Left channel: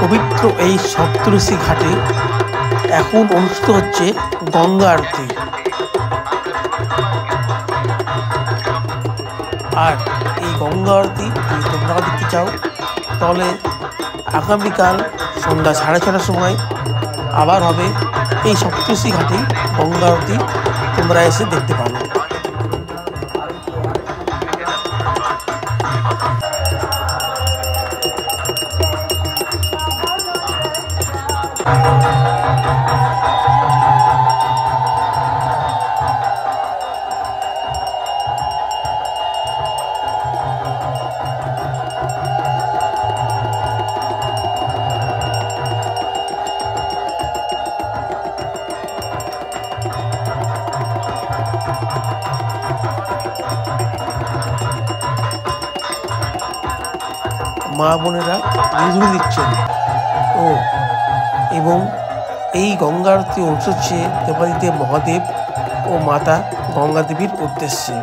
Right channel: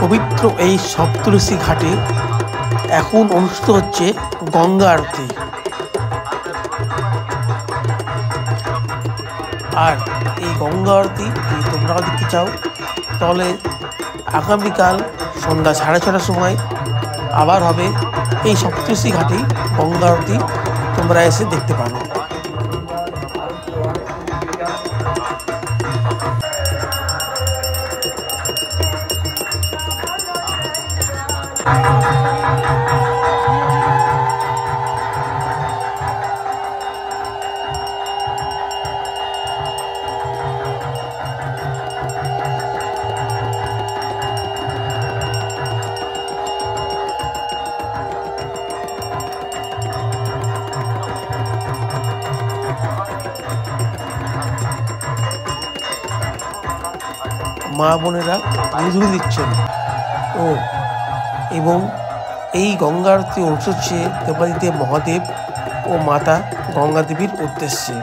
পবিত্র এই সপ্তঋষি ঘাটে এখন অনুষ্ঠিত হচ্ছে গঙ্গা আরতি। আর এই গঙ্গা আরতি যদি তোমরা দেখতে চাও তাহলে আগামীকাল সন্ধ্যা 6:30টার সময় আবার হবে এই সপ্তঋষি ঘাটেই গঙ্গা আরতি, তোমরা এসে দেখতে পারো। মা বোনেরা বিধুরি দিচ্ছেন এবং এই গঙ্গা আরতি অনুষ্ঠিত হচ্ছে দেবাদিদেব মহাদেব ও মাতা গঙ্গা দেবীর উদ্দেশ্যে।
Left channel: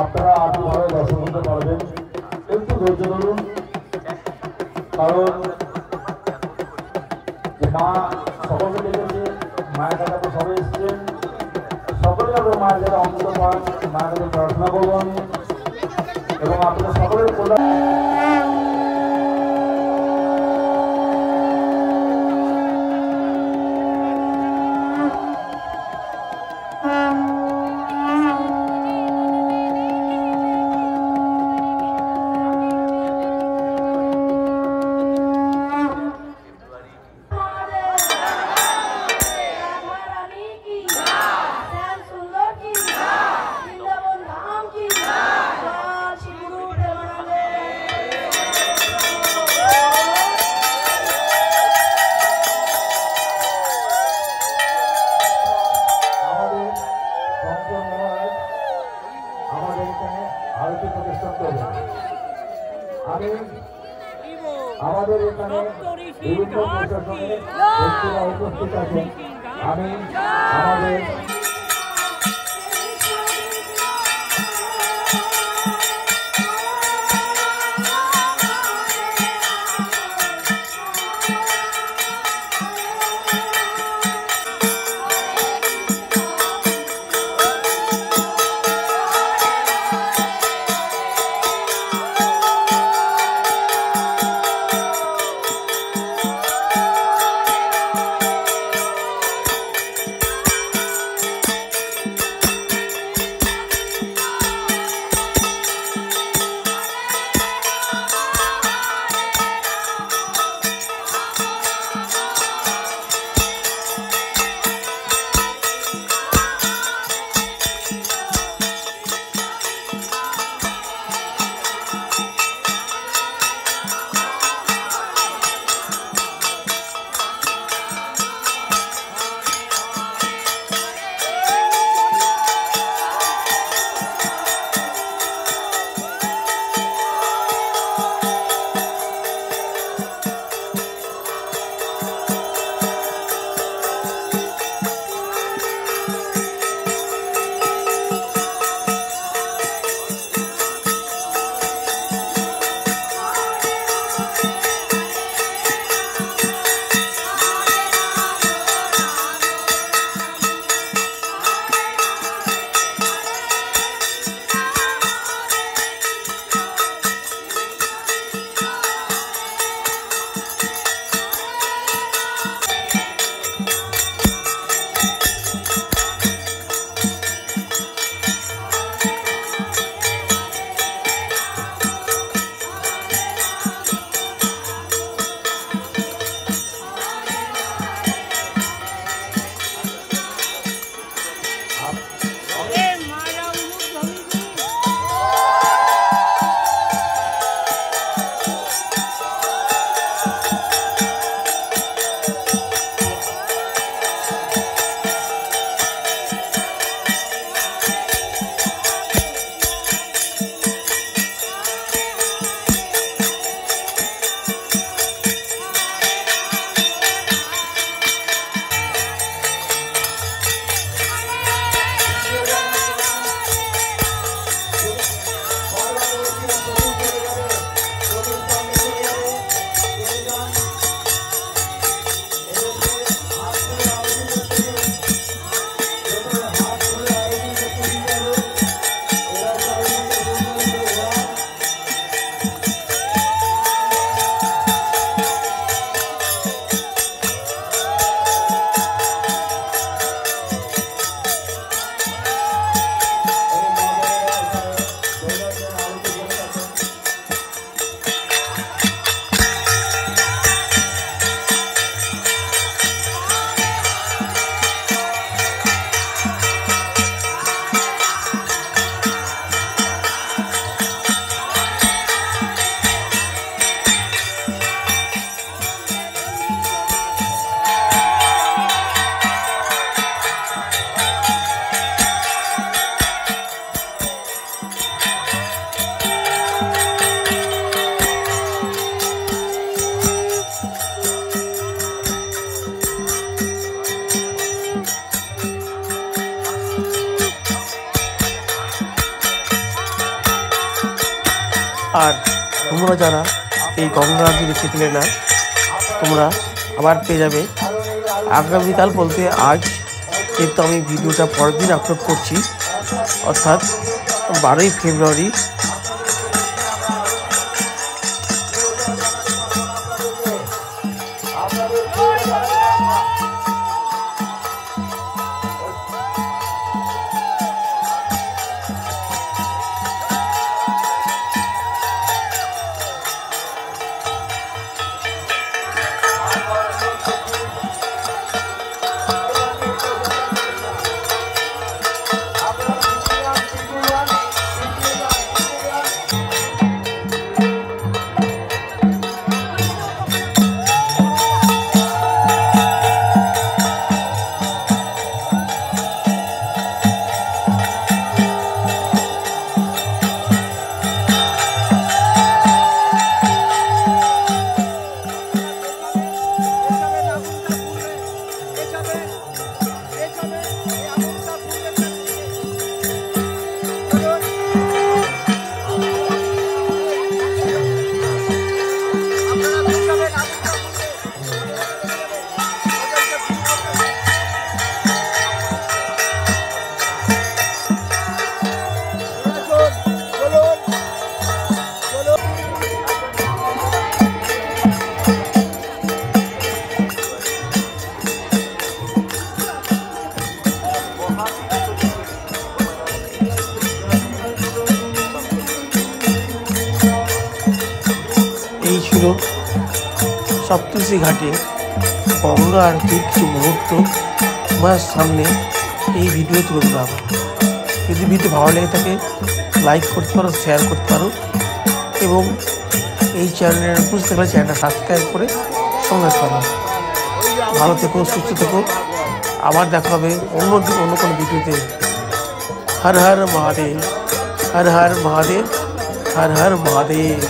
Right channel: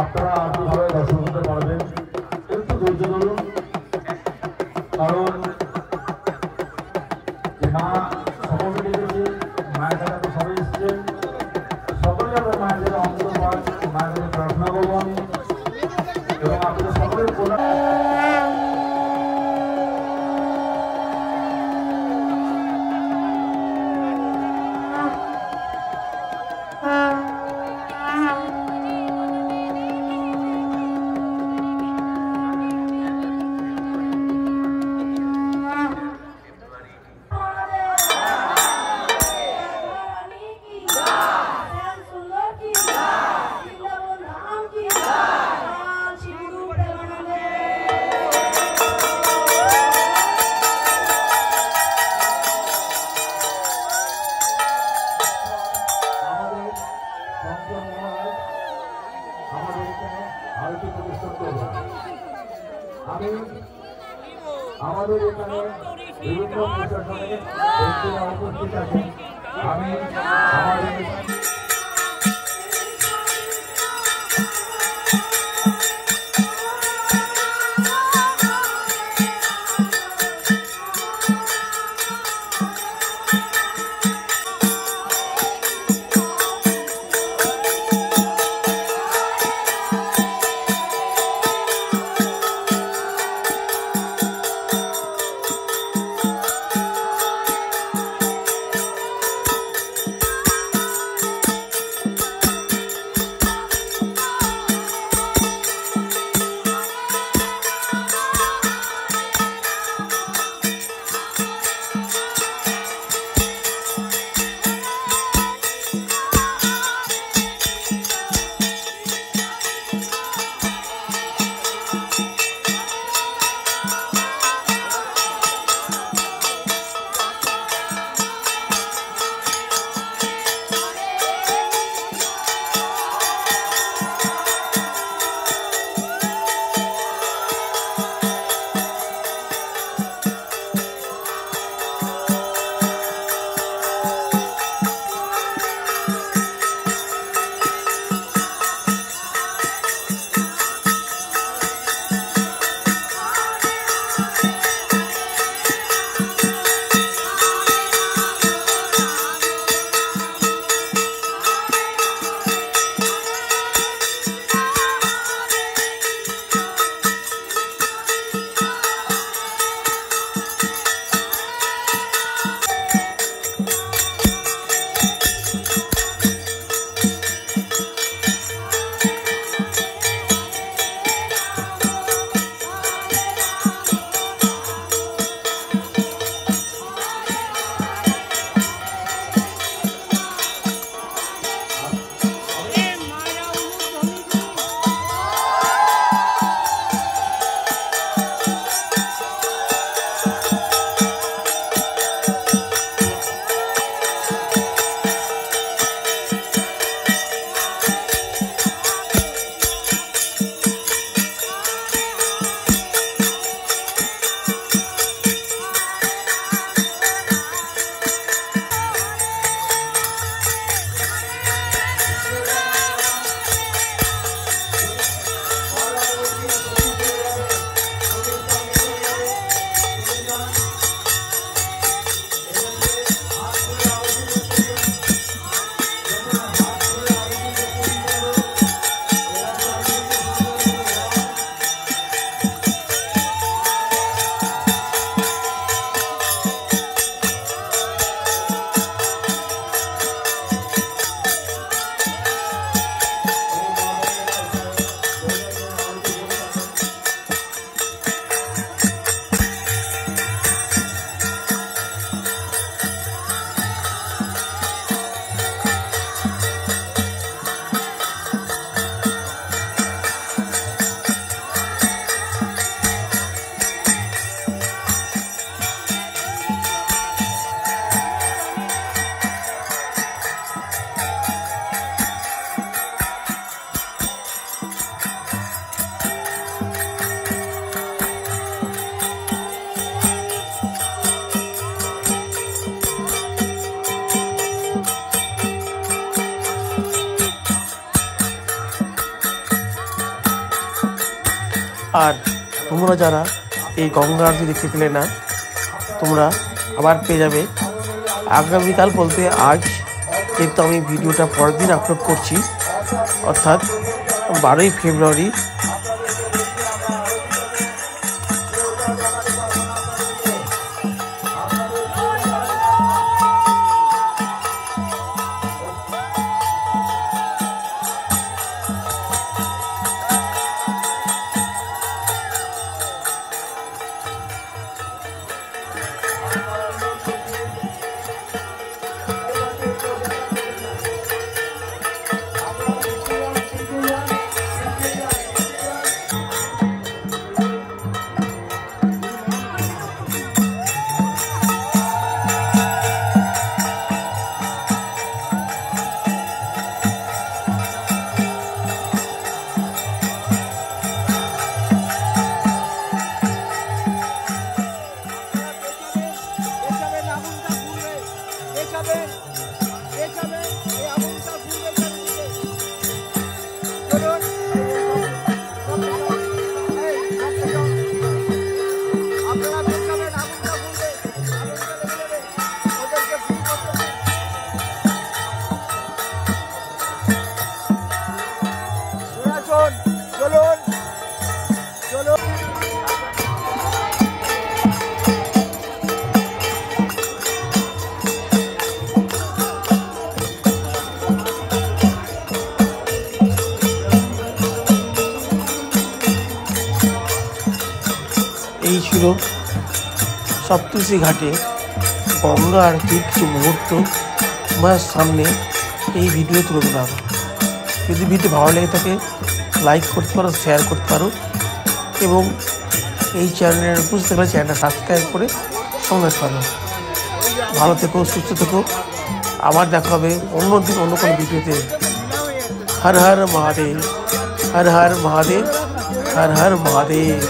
আপনারা আগ্রহে দর্শন করতে পারবেন, একটু ধৈর্য ধরুন, কারণ মা সকলকে দেখেছে, মায়ের কাছে সবাই এসছেন, সকলে আমরা মায়ের কাছে অন্তত মায়ের কাছে প্রার্থনা করবেন এবং আপনারা সকলে আমাদের এখানে বিভিন্ন প্রশাসনের ব্যক্তিরা উপস্থিত আছেন। আমি আমাদের আর তোমরা যারা এই গঙ্গা আরতি দেখতে পেলে না, তোমরা আবার পেয়ে যাবে আগামীকাল বলতে আজ, যেহেতু আমি ভিডিওটা পরের দিন আপলোড করছি, অর্থাৎ 12ই ফেব্রুয়ারি। এই ছিল সপ্তর্ষি ঘাটে গঙ্গা আরতির কিছু মুহূর্ত আমার সামনে এই ভিডিও তুলে দিলাম। যদি ভিডিও ভালো লেগে থাকে লাইক করতে পারো, শেয়ার করতে পারো, এবং এই চ্যানেলের বুঝতে পারলে চ্যানেলটা সাবস্ক্রাইব করে সঙ্গে পারো। ভালো থেকো, সুস্থ থেকো, আবার দেখা হবে অন্য দিন অন্য কোনো ভিডিওতে। হর হর মহাদেব, হর হর মহাদেব, হর হর মহাদেব।